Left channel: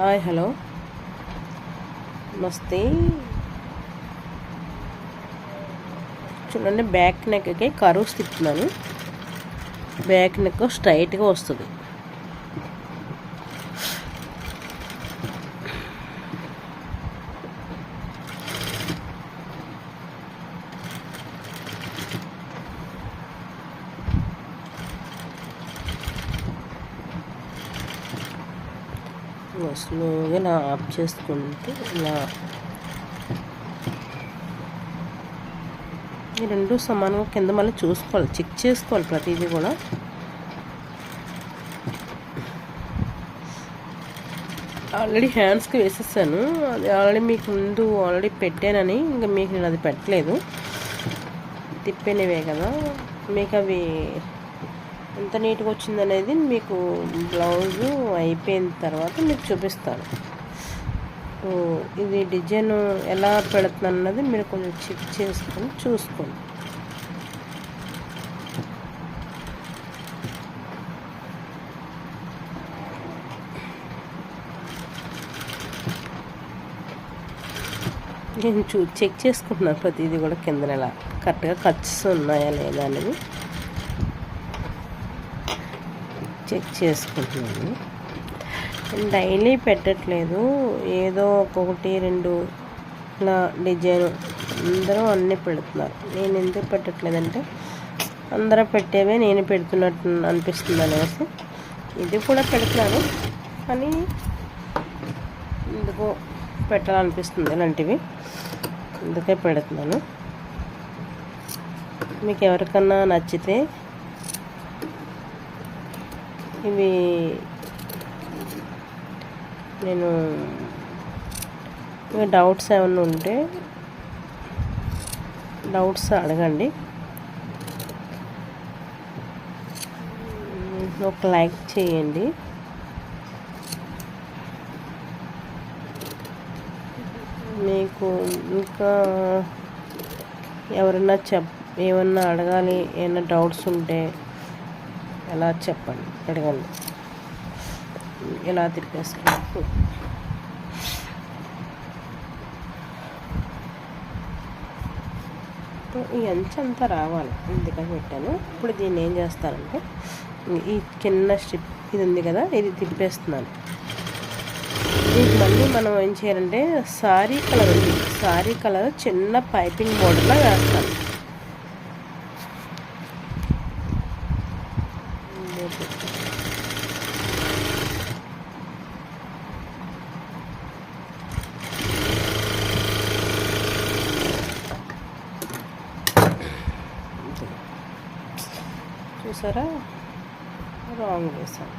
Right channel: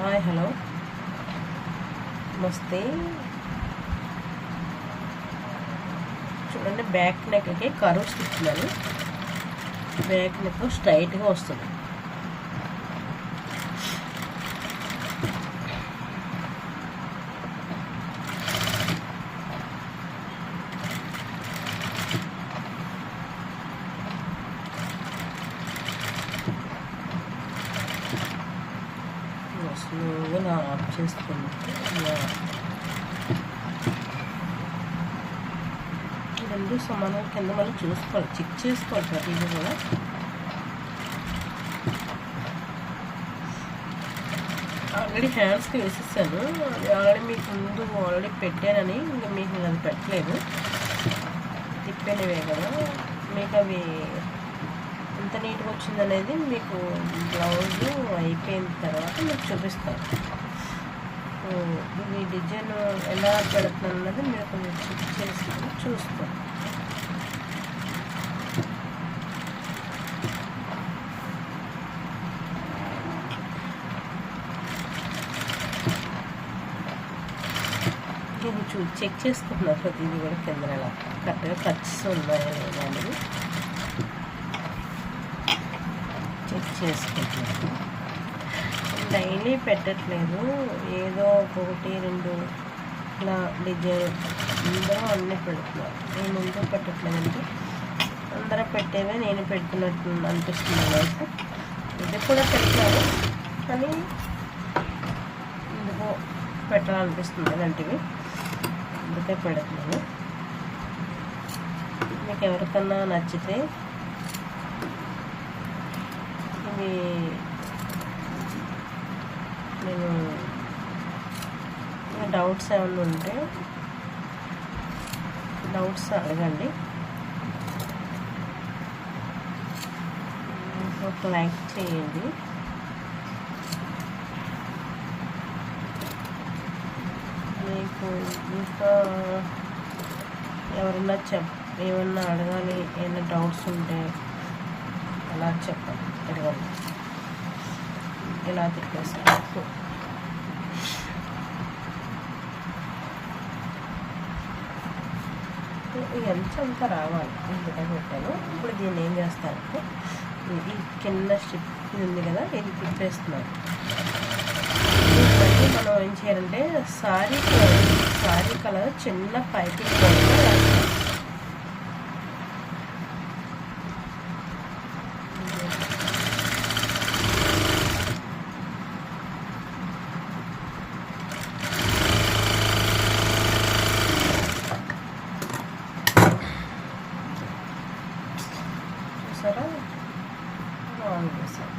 Hi hello నమస్తే. చూడండి, back నెక్కి కర్వ్స్ తిప్పుతున్నాను. బ్యాక్ నెక్ స్ట్రైట్గా వస్తుంది. స్లోగా ఇలా ఆఫ్ చేసుకుంటే ఇలా ఈ రెండు సమానంగా కింద మళ్ళీ చూసుకోవాలి, చెక్ చేసుకోవాలి ప్రతిదీ కూడా. ఆల్రెడీ హ్యాండ్స్కి వేసేసాను, అది ఆల్రెడీ మీకు ముందు ఆల్రెడీ పెట్టానని ఇంకా మీకు నేను అది పెట్టలేదు. తిప్పేనివే కదా, మీకు అవి ఎంత నీట్గా వచ్చిందనేది మీకు బ్లౌజు అయిపోయిన తర్వాత మీకు చూపిస్తాను. ఇది డిజైన్ ఎలా పెడుతున్నాను అన్నది మీరు కొంచెం చెక్ చేసుకొని చూసుకోండి. ఇది చెక్ చేసుకుంటున్నారు ప్రతిదీ కూడా, కింద ఎలా కరెక్ట్గా ఖర్చు ఉన్నాయా లేదా అనేది చెక్ చేసుకుంటున్నాను. డైలీ పెట్టట్లేదు, ఏదో ఒకటి రెండు ఇలా డిజైన్ అందరూ అన్నీ పెడుతున్నారు. నేను ఎందుకు పెట్టట్లేదంటే అందరూ పెట్టేవే నేను పెడుతున్నట్టు అనిపిస్తుంది అనేసి ఇది కూడా పెడుతున్నాను, కానీ ఎందుకు పెట్టాలనిపిస్తుంది అలాంటివి, అందుకే పెడుతున్నాను. మీకు ఎవరికన్నా నచ్చితే ఇవి నేను డౌట్స్ ఏమైనా ఉంటే డౌట్స్ అడగండి. ఒక లైక్ చేయండి. మీకు ఇంకా ఎవరైనా ఏమన్నా అడగాలి, ఏమైనా డౌట్స్ ఉంటే ఎలా చెప్పండి, అడగండి. ఎలా తిరిగేసుకో ఈ అంచు అంతా రావాలి, ఎందుకని పెట్టాను. ఇప్పుడు దీన్ని ఏం చేస్తానంటే ఈ చిన్న స్ట్రిప్ ఇది ఉంది కదా, ఇది తిప్పేస్తున్నాను. ఇది మళ్ళీ మనం ఏం చేయాలంటే సారీ కలర్ చిన్న పైపింగ్ బోర్డుగా వేస్తాం. చూసారా, రాంగ్ వేసాను.